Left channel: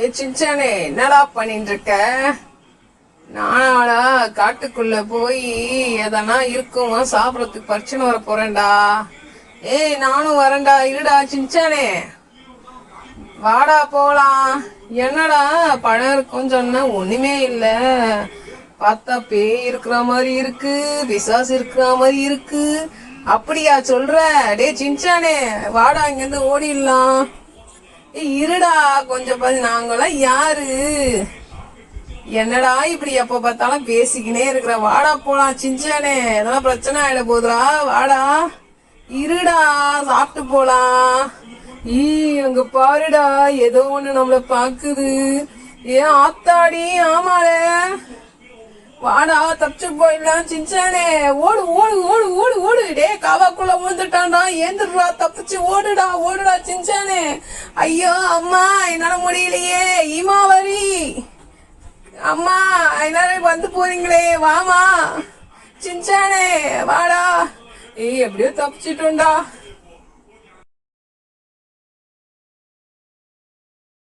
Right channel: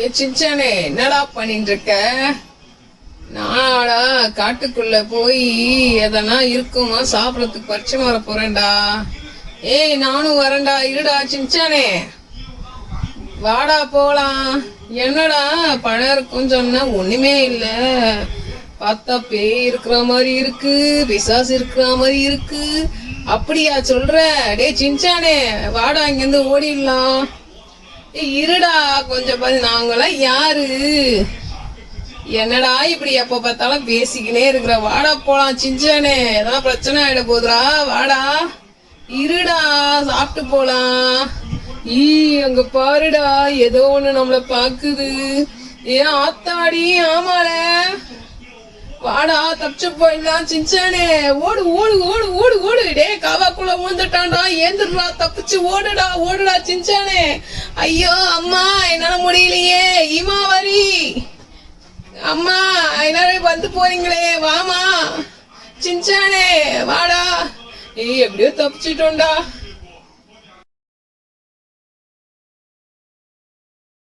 ஏ சின்சானே, என்னடா பண்ணிட்டு இருக்க? நானா காட்டுக்குள்ள போய் எதனா இருக்குமா சாப்பிடறதுக்கு பறிச்சுன்னு வர போறேன்டா. ஏய், நானும் வரேன்டா. இருடா சின்சானே, வாடா போலாம். என்னடா பழம் இருக்குன்னு சொன்ன, ஒண்ணுமே இல்ல. பார்த்தா பேய் இருக்கிற மாதிரி இருக்கு, பிசாசு இருக்கிற மாதிரி இருக்கு. அப்படியா சொல்ற? டே சின்சானே, வாடா, இங்கிருந்து ஓடிடலாம். இருடா கொஞ்சம் நாங்களாம் யாரு? என்னடா இப்படி எப்ப பார்த்தாலும் பேசிக்கினே இருக்கிற? வாடா போலாம் சின்சானே, ஏதாவது பிரச்சனை ஆயிட போதுரா. வாடா, இருடா, சாப்பிட்டு போலாம். அங்க பாருடா, ஏதோ ஒண்ணு நம்மள பாக்குது. ஏன் ஆத்தாடி, ஆமால. வாடா, தப்பிச்சு போயிடலாம் சின்சானே. ஓடு ஓடு ஓடு ஓடு ஓடு. டே, காவாக்குள்ள விழுந்துட்டான்டா. ஏந்திரா, தப்பிச்சு ஓடுடா ஓடுடா சின்சானே. ஐயோ அம்மா, என்னால முடியலையே. இமாவரி அம்மா, எல்லாரும் வந்து போறீங்களே, வாமா சின்சானே, வாடா. எப்படியோ தப்பிச்சிட்டோம்டா.